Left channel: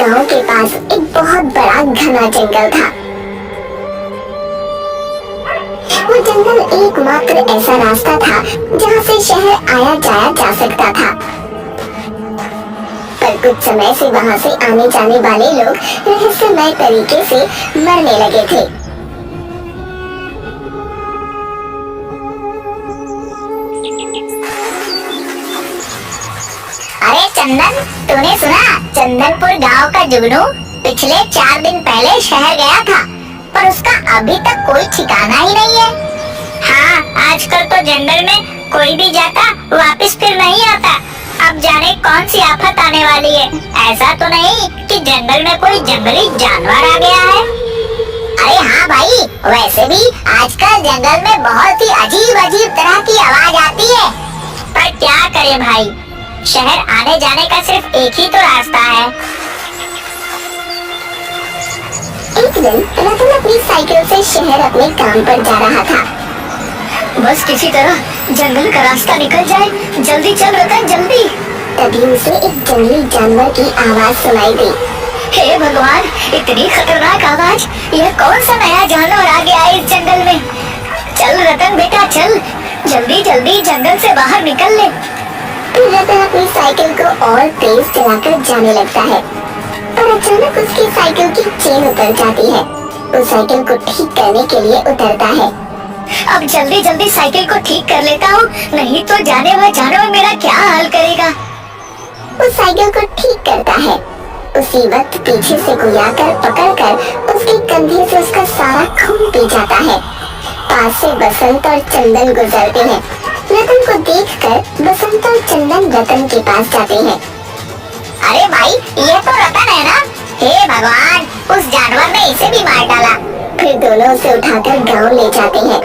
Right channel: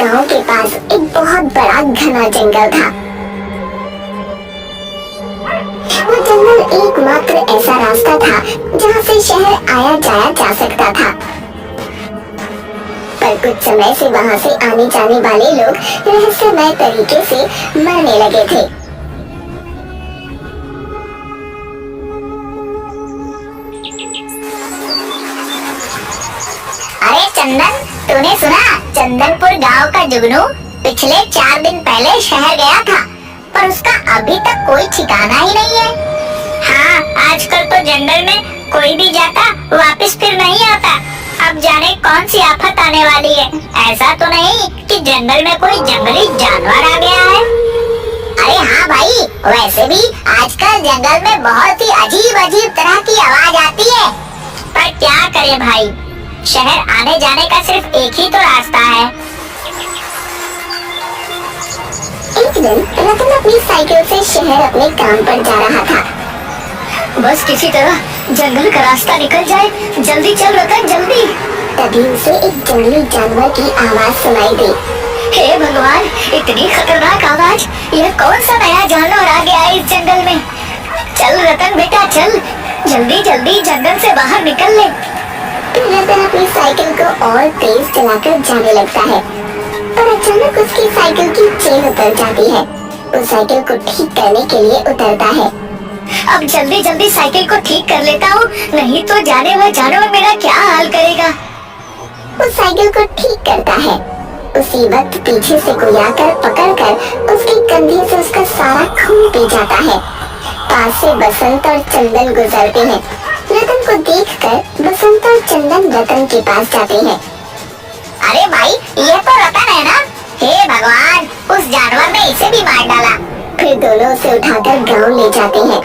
गांव के पास एक बहुत बड़ा घना जंगल था। वो जंगल एकमात्र ऐसा रास्ता था जहाँ से शहर आया जाया जा सकता था। पर कुछ समय से वहाँ से आने जाने वाले लोग रहस्यमय तरीके से मरने लगे थे। अरे चंदन, तूने सुना? चंदनपुर गांव का जुगनू पिछले 4 दिन पहले शहर गया था, पर उसका अभी तक कोई ठिकाना ही नहीं है। हाँ, आजकल तो जंगल में कोई भी जाता वापस फिर नहीं आता। अब जाने कौन सी आफत आने वाली है। ऐसा तो नहीं कि जंगल में कोई जंगली जानवर आ गया है? अरे हाँ भाई, वैसे भी आजकल जंगल में बहुत ही अजीब अजीब तरह की आवाज आती है। पर क्या करें भाई, शहर आने जाने का सिर्फ एक ही तो रास्ता है। एक दिन रतन अपनी साइकिल से शहर अपने काम पर जा रहा था। बस किसी तरह जंगल का रास्ता निकल जाए। जल्दी चल रतन, जल्दी। तभी उसे एक जंगली जानवर की आवाज सुनाई दी। हे भगवान, इतनी खतरनाक आवाज! यह कौन सा नया जानवर आ गया है इस जंगल में? चल रतन बेटा, चल जल्दी जल्दी जंगल से बाहर निकल ले। फिर रतन अपनी साइकिल को और तेज चलाकर जाने लगता है, पर अचानक उसकी साइकिल की चेन उतर जाती है। वो साइकिल को ठीक करने के लिए उतरता है। अब जल्दी जल्दी साइकिल को ठीक कर लेता हूँ, नहीं तो जाने वह जानवर मेरा क्या हाल करेगा। वो साइकिल को ठीक करता है। उसी वक्त पीछे से कोई आकर पकड़कर उसके कंधे से उसका सारा खून पी जाता है। पास से बसंत और चंदन गुजरते हैं। रतन को देखकर बसंत और चंदन रतन के पास जाते हैं। अरे भाई, ये तो रतन है ना? हे भगवान, उस जानवर ने इसे भी मार डाला। फिर दोनों उसे उठाकर गांव ले जाते हैं।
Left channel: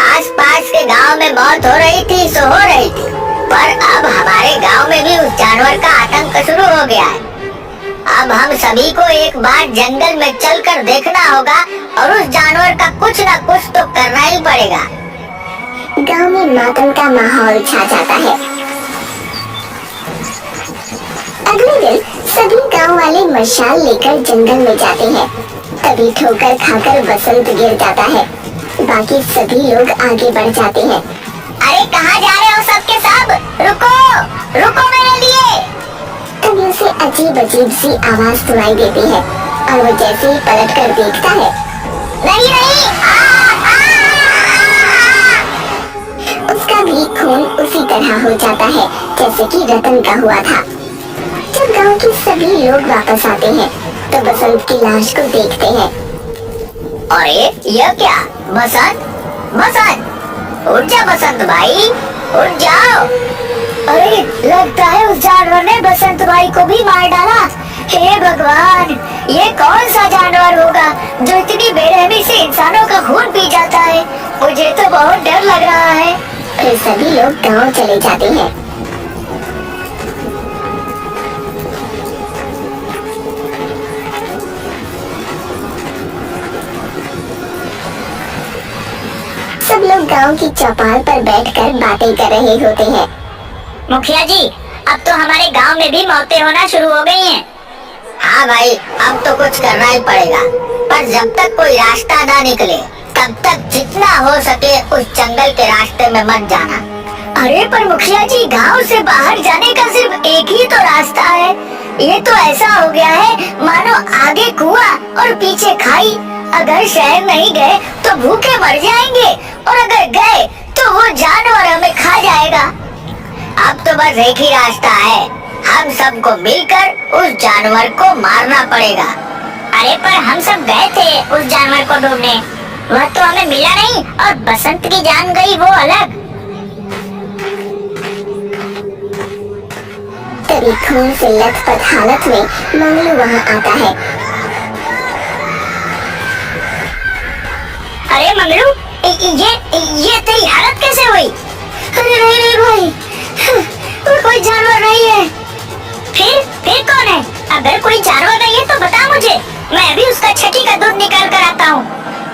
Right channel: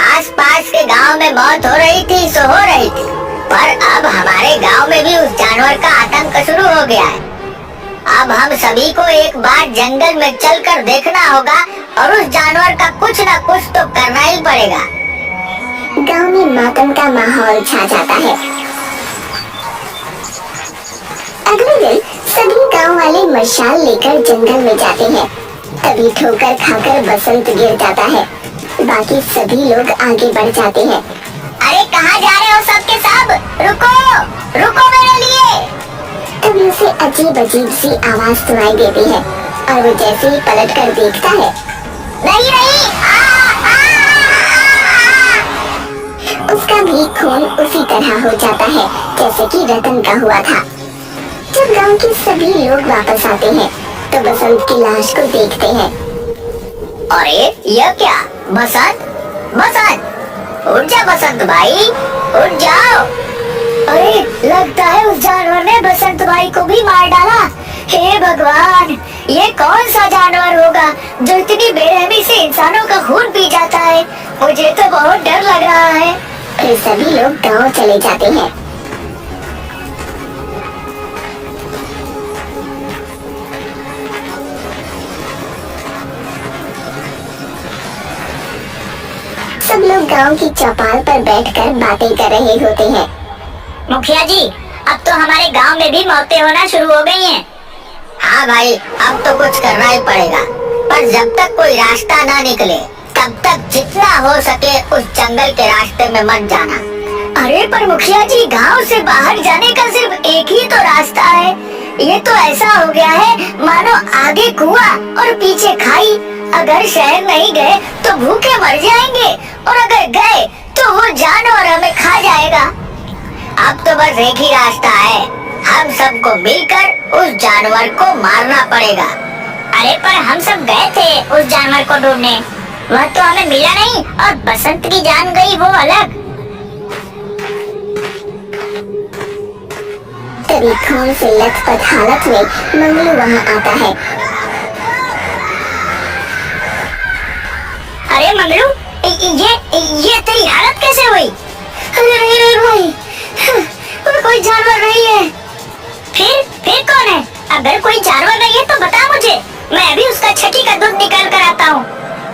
आसपास के गांव में मौत हो रही थी सो हो रही थी, पर अब हमारे गांव में भी उस जानवर का आतंक शुरू हो गया है। अब हम सभी को एक बार जंगल में चलकर देखना होगा और उस जानवर का कुछ न कुछ तो करना ही पड़ेगा। गांव में मातम का माहौल छा जाता है। अगले दिन सभी गांव वाले मशाल लेकर जंगल में जाते हैं। तभी ठोकर खाकर बसंत गिर जाता है। बाकी सभी लोग आगे बढ़ जाते हैं। अरे कहाँ जा रहे हो सबके सब? रुको रुको मेरे लिए। तभी उसे अजीब अजीब सी आवाज सुनाई देती है और वो जैसे ही पलट कर देखता है, नहीं नहीं, उसका भी खून उसी तरह हो जाता है जैसे कि रतन का हुआ था। जब गांव के सभी लोग वापस आते हैं तो बसंत की लाश को देखते हैं। अरे यह क्या? बसंत बसंत, उठ जा बसंत भाई, उठ जाओ। अरे लगता है उस जानवर ने बसंत भाई को भी मार डाला। हे भगवान, ये कौन सा जानवर होगा जो इतनी बेरहमी से इंसानों का खून पी जाता है? मुझे तो बहुत डर लग रहा है। फिर सभी लोग गांव चले जाते हैं। सब लोग गांव की चौपाल पर बैठकर बातें कर रहे होते हैं। मुखिया जी, अब तो हमारे गांव में भी मौतें होना शुरू हो गई हैं। हाँ भाई, अब तो कुछ करना ही पड़ेगा, पर जब तक कोई रास्ता ना निकले तब तक जितना हो सके उस जंगल के रास्ते में मत जाना। अरे पर मुखिया जी, गांव से बाहर जाने का सिर्फ एक ही तो रास्ता है। ये तो ऐसा हो गया है मानो आगे कुआं और पीछे खाई। अगर शहर नहीं गए तो भूखे मर जाएंगे, और अगर गए तो वो जानवर हमें खा जाएगा। अब तो बस एक ही रास्ता है, हम सबको मिलकर उस जानवर को मारना पड़ेगा। अरे पर हम सब गए थे उस जानवर को ढूंढने, वह तो हमें मिला नहीं, और बसंत की जान गई वो अलग। तभी खून से लथपथ हालत में मंगलू वहाँ आता है। अरे मंगलू, ये तेरी हालत कैसे हुई? अरे नहीं भाई, कोई जानवर नहीं है। फिर कौन है? अगर कोई जानवर नहीं है तो बता मुझे, मैं भी उसका छठी का दूध निकाल कर आता हूँ।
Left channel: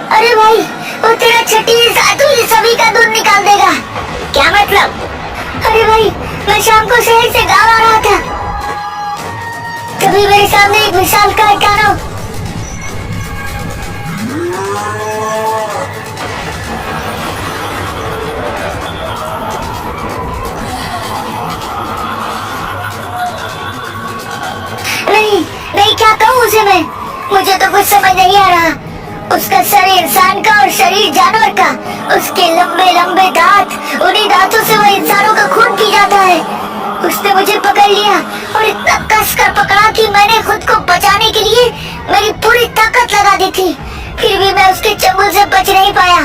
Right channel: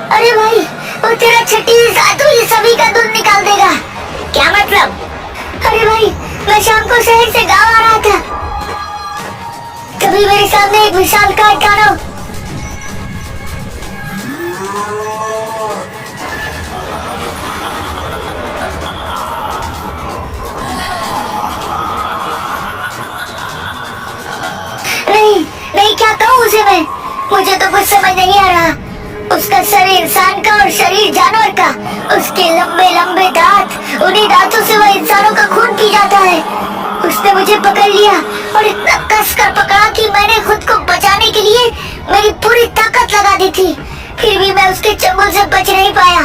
अरे भाई, वो तेरा छठी सातू ये सभी का दूध निकाल देगा। क्या मतलब? अरे भाई, मैं शाम को शहर से गांव आ रहा था, तभी मेरे सामने एक विशालकाय दानव। नहीं नहीं, क्या कहूँ उसे मैं, मुझे तो कुछ समझ नहीं आ रहा। उसका सर इंसान का और शरीर जानवर का, उसके लंबे लंबे दांत, उन्हीं दांतों से वह इंसानों का खून पी जाता है। उसने मुझे पकड़ लिया और इतना कसकर पकड़ा कि मैंने खुद को बचाने के लिए मेरी पूरी ताकत लगा दी थी, फिर भी मैं उसके चंगुल से बच नहीं पाया।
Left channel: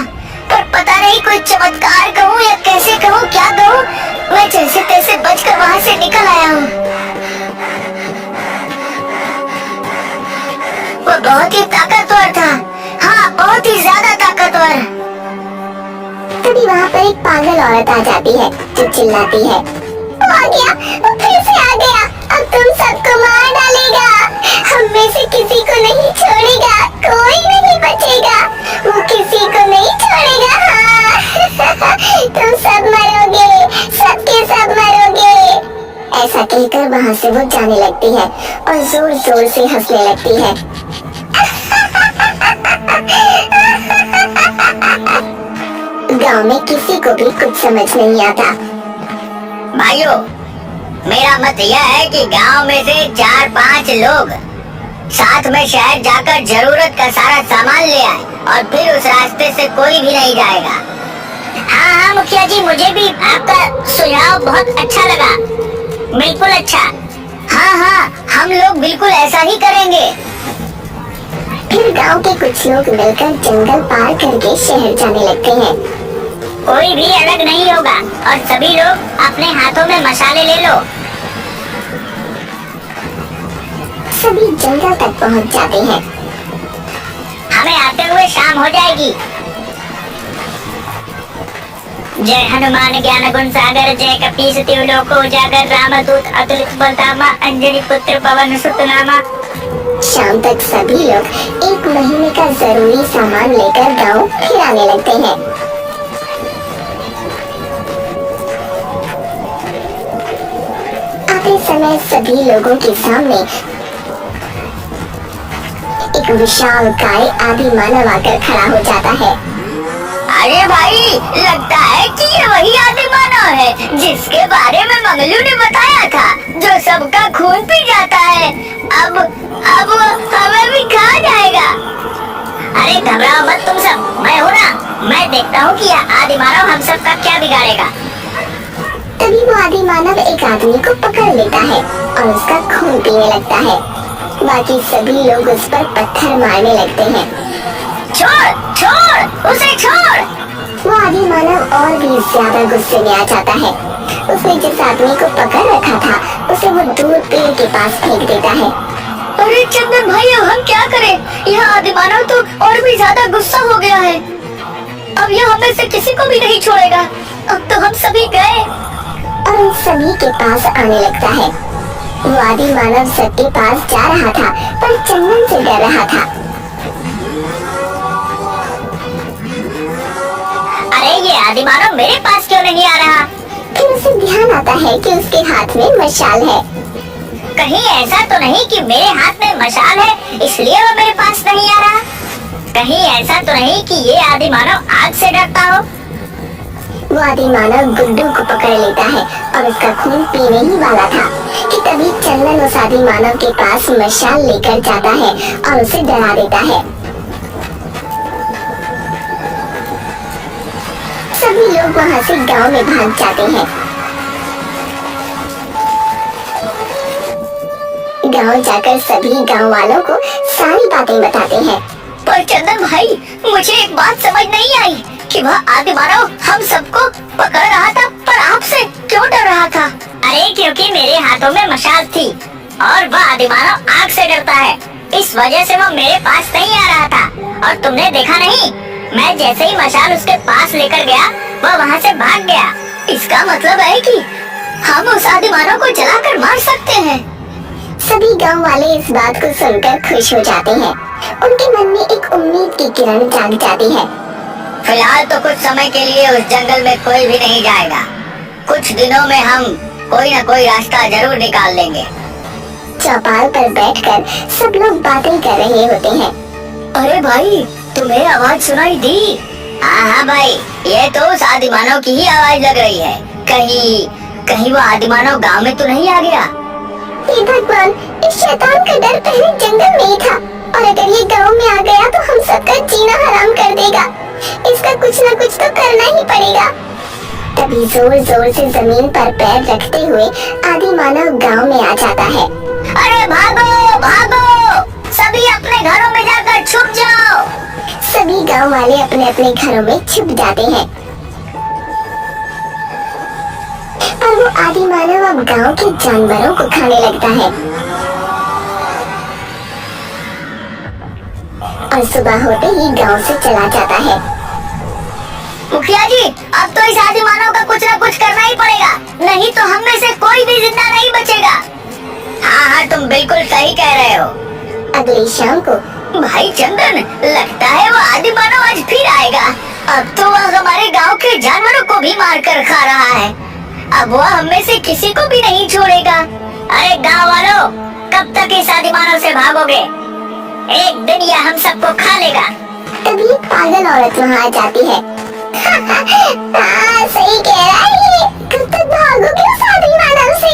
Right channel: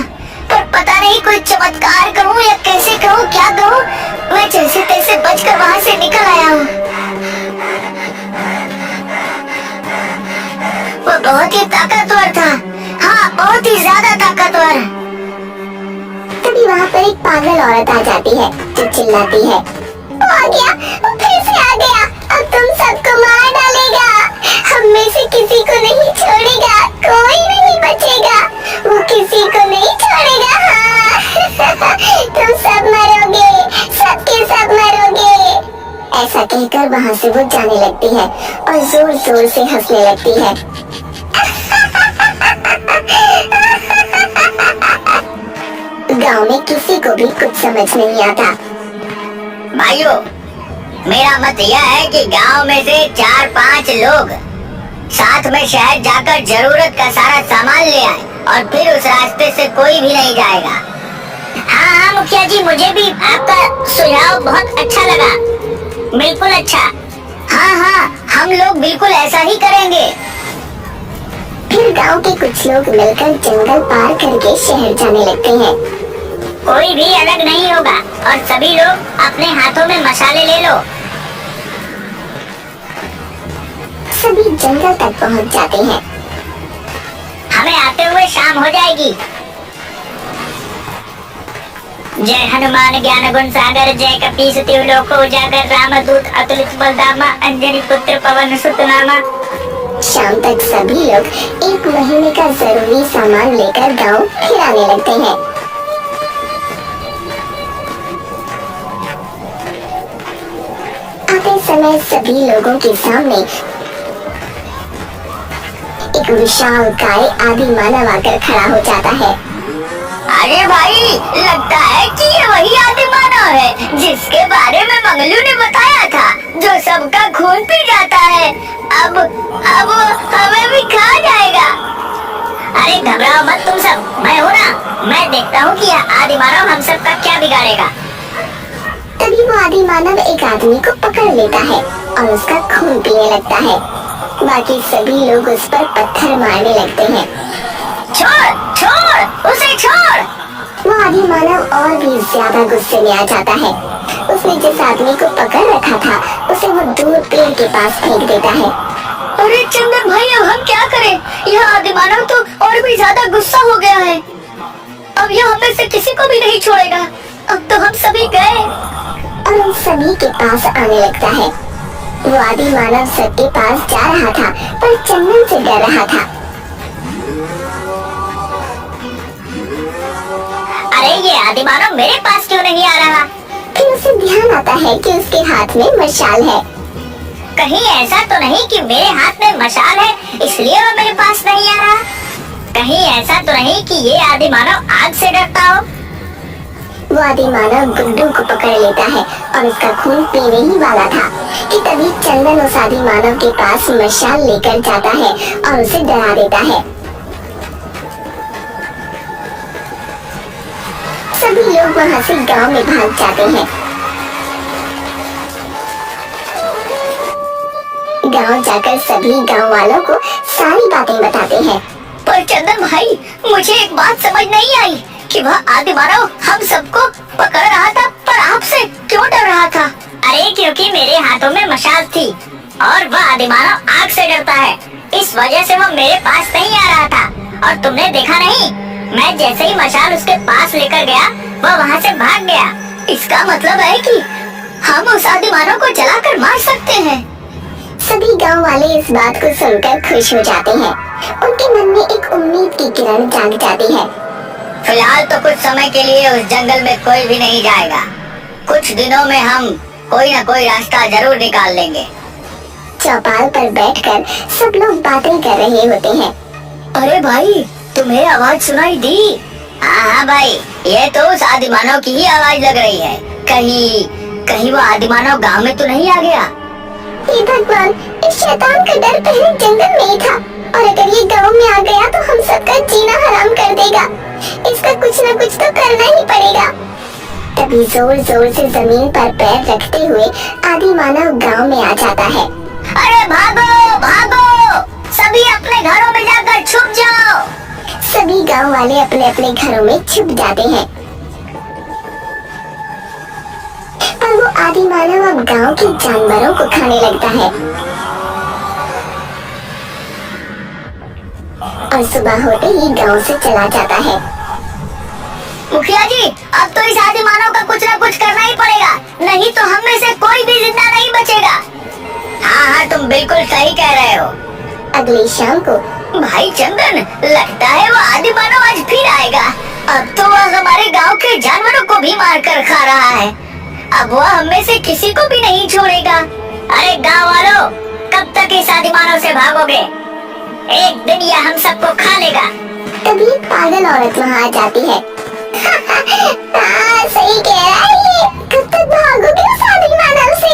पर पता नहीं कोई चमत्कार कहूँ या कैसे कहूँ, क्या कहूँ, मैं जैसे तैसे बचकर वहाँ से निकल आया हूँ। वो बहुत ही ताकतवर था, हाँ बहुत ही ज्यादा ताकतवर। तभी वहाँ पर एक पागल औरत आ जाती है जो चिल्लाती है, वो आ गया, वो फिर से आ गया, अब तुम सबको मार डालेगा, हम में से किसी को नहीं छोड़ेगा, कोई नहीं बचेगा, वो किसी को नहीं छोड़ेगा। हाँ तुम सब मरोगे, सबके सब मरोगे। ऐसा कहकर वहाँ से वो जाने लगती है और जोर जोर से हंसने लगती है। गांव में किसी को भी कुछ समझ नहीं आता। भाइयों, मेरा मत यह है कि गांव में से 4-5 लोग साथ में शहर जाकर जरूरत का सारा सामान ले आए और फिर उस रास्ते से कोई भी नहीं जाएगा। हाँ हाँ मुखिया जी, मुझे भी आपका सुझाव बहुत अच्छा लगा, बिल्कुल अच्छा। हाँ हाँ, हम लोग बिल्कुल ऐसा ही करेंगे। फिर गांव के कुछ लोग मिलकर जंगल पार करके शहर जाने लगते हैं। कोई भी अलग नहीं होगा और सभी लोग अपने हाथों में मसाले ले लो। सभी जंगल तक पहुंच जाते हैं। हमें आते हुए शाम हो जाएगी। जय हनुमान ज्ञान गुण सागर, जय कपीस तिहु लोक उजागर, रामदूत अतुलित बलधामा, अंजनी पुत्र पवन सुत नामा। शाम तक सभी लोग 1 महीने का जरूरी सामान लेकर गांव फिर आने लगते हैं। आते समय सभी लोगों के सामने एक विशाल काय आदि मानव आकर खड़ा हो जाता है। अरे भाई, लगता है कि ये वही आदि मानव है जिसके बारे में मंगलू ने बताया था, जो सबका खून पी जाता है। अब हमें भी खा जाएगा। अरे घबराओ मत तुम सब, मैं हूँ ना, मैं देखता हूँ कि यह आदि मानव हम सब का क्या बिगाड़ेगा। तभी वो आदि मानव एक आदमी को पकड़ लेता है और उसका खून पीने लगता है। बाकी सभी लोग उस पर पत्थर मारने लगते हैं। छोड़ छोड़ उसे, छोड़। वो आदि मानव और भी ज्यादा गुस्से में आ जाता है। उसने जिस आदमी को पकड़ रखा था उसे वो दूर पेड़ के पास फेंक देता है। अरे चंदन भाई, अब हम क्या करें? यह आदि मानव तो और भी ज्यादा गुस्सा हो गया है। अब यह हमें से किसी को भी नहीं छोड़ेगा। अब तो हम सभी गए। और उन सभी के पास आने लगता है। वो आदि मानव सबके पास जा रहा था पर चंदन से डर रहा था। अरे ये आदि मानव मेरे पास क्यों नहीं आ रहा? फिर उसे ध्यान आता है कि उसके हाथ में मशाल है। कहीं ऐसा तो नहीं कि मेरे हाथ में मशाल है इसलिए वो मेरे पास नहीं आ रहा? कहीं ऐसा तो नहीं कि ये आदि मानव आग से डरता हो? वो आदि मानव गुड्डू को पकड़ लेता है और उसका खून पीने ही वाला था कि तभी चंदन उस आदि मानव के पास मशाल लेकर जाता है और उसे डरा देता है। सभी लोग वहाँ से गांव में भाग जाते हैं। गांव जाकर सभी गांव वालों को सारी बातें बताते हैं। पर चंदन भाई, मुझे एक बात समझ नहीं आई कि वह आदि मानव हम सबको पकड़ रहा था, पर आपसे क्यों डर रहा था? अरे क्योंकि मेरे हाथों में मशाल थी और वह आदि मानव आग से डरता है, इस वजह से वह मेरे पास नहीं आ रहा था। और तुमने देखा नहीं, मैं जैसे ही मशाल उसके पास लेकर गया वह वहाँ से भाग गया। इसका मतलब है कि हम उस आदि मानव को जलाकर मार सकते हैं। सभी गांव वाले इस बात को सुनकर खुश हो जाते हैं। उनके मन में एक उम्मीद की किरण जाग जाती है। फिलहाल तो कुछ समय के लिए उस जंगल में कोई भी नहीं जाएगा। कुछ दिनों में हम कोई न कोई रास्ता जरूर निकाल लेंगे। चौपाल पर बैठकर सब लोग बातें कर रहे होते हैं। अरे भाई, तुम्हें आवाज सुनाई दी? हाँ भाई, ये तो उस आदिमानव की ही आवाज लग रही है। कहीं वो आदिमानव गांव में तो नहीं आ गया? हे भगवान, इस शैतान का डर पहले जंगल में ही था और अगर ये गांव में आ गया तो हम सबका जीना हराम कर देगा। इसका कुछ न कुछ तो करना ही पड़ेगा। तभी जोर जोर से जमीन पर पैर रखते हुए आदिमानव गांव में आ जाता है। अरे भागो भागो, सभी अपने घरों में जाकर छुप जाओ। सभी गांव वाले अपने अपने घरों में छुप जाते हैं। पर वो आदिमानव अब गांव के जानवरों को खाने लगता है और सुबह होते ही गांव से चला जाता है। मुखिया जी, अब तो इस आदिमानव का कुछ न कुछ करना ही पड़ेगा, नहीं तो हम में से कोई भी जिंदा नहीं बचेगा। हाँ, तुम बिल्कुल सही कह रहे हो। अगली शाम को भाई चंदन, लगता है वो आदिमानव आज फिर आएगा। अब तो वह हमारे गांव के जानवरों को भी मार कर खा रहा है। अब वह हम में से किसी को भी नहीं छोड़ेगा। अरे गांव वालों, कब तक इस आदिमानव से भागोगे? एक दिन यह हम सबको खा लेगा। तभी पागल औरत वहाँ आ जाती है। सही कह रहा है ये। कब तक भागोगे उस आदिमानव से?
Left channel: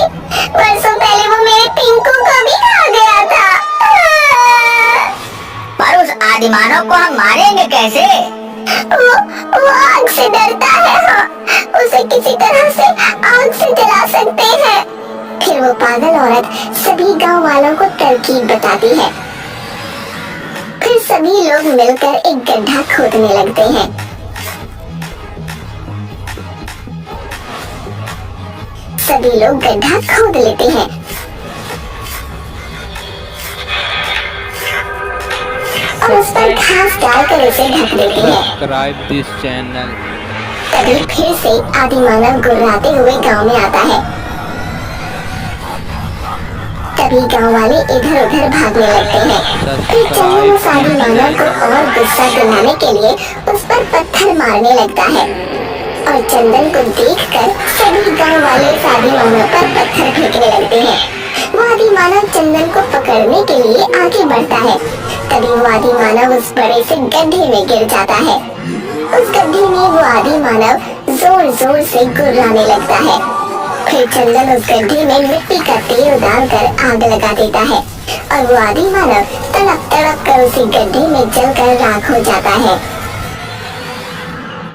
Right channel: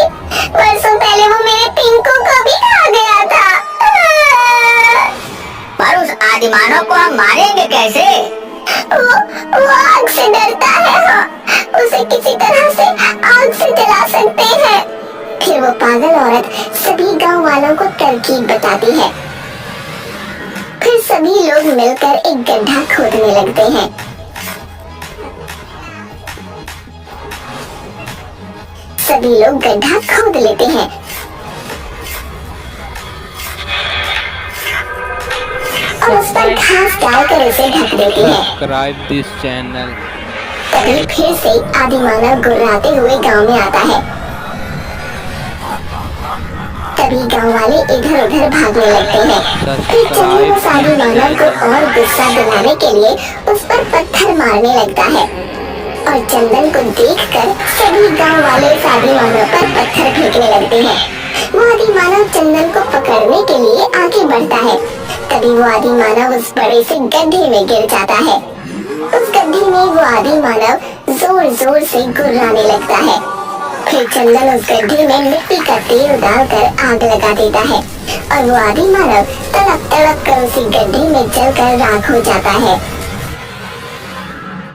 वर्षों पहले वो मेरे पिंकू को भी खा गया था। पर उस आदिमानव को हम मारेंगे कैसे? वो आग से डरता है। हाँ, उसे किसी तरह से आग से जला सकते हैं। फिर वो पागल औरत सभी गांव वालों को तरकीब बताती है। फिर सभी लोग मिलकर एक गड्ढा खोदने लगते हैं। सभी लोग गड्ढा खोद लेते हैं और उस पर घास डालकर उसे ढक देते हैं। Subscribe this channel. तभी फिर से आदिमानव गुर्राते हुए गांव में आता है। तभी गांव वाले इधर उधर भागने लगते हैं। फिर चंदन उस आदिमानव को और गुस्सा दिलाने के लिए उस पर पत्थर मारने लगता है और चंदन को देखकर सभी गांव वाले उस आदिमानव पर पत्थर फेंकने लगते हैं। वो आदिमानव चंदन को पकड़ने के लिए आगे बढ़ता है। तभी वो आदिमानव उस बड़े से गड्ढे में गिर जाता है। उस गड्ढे में वो आदिमानव जोर जोर से गुर्राने लगता है। फिर चंदन उस गड्ढे में मिट्टी का तेल डालकर आग लगा देता है और वो आदिमानव तड़प तड़प कर उसी गड्ढे में जलकर राख हो जाता है।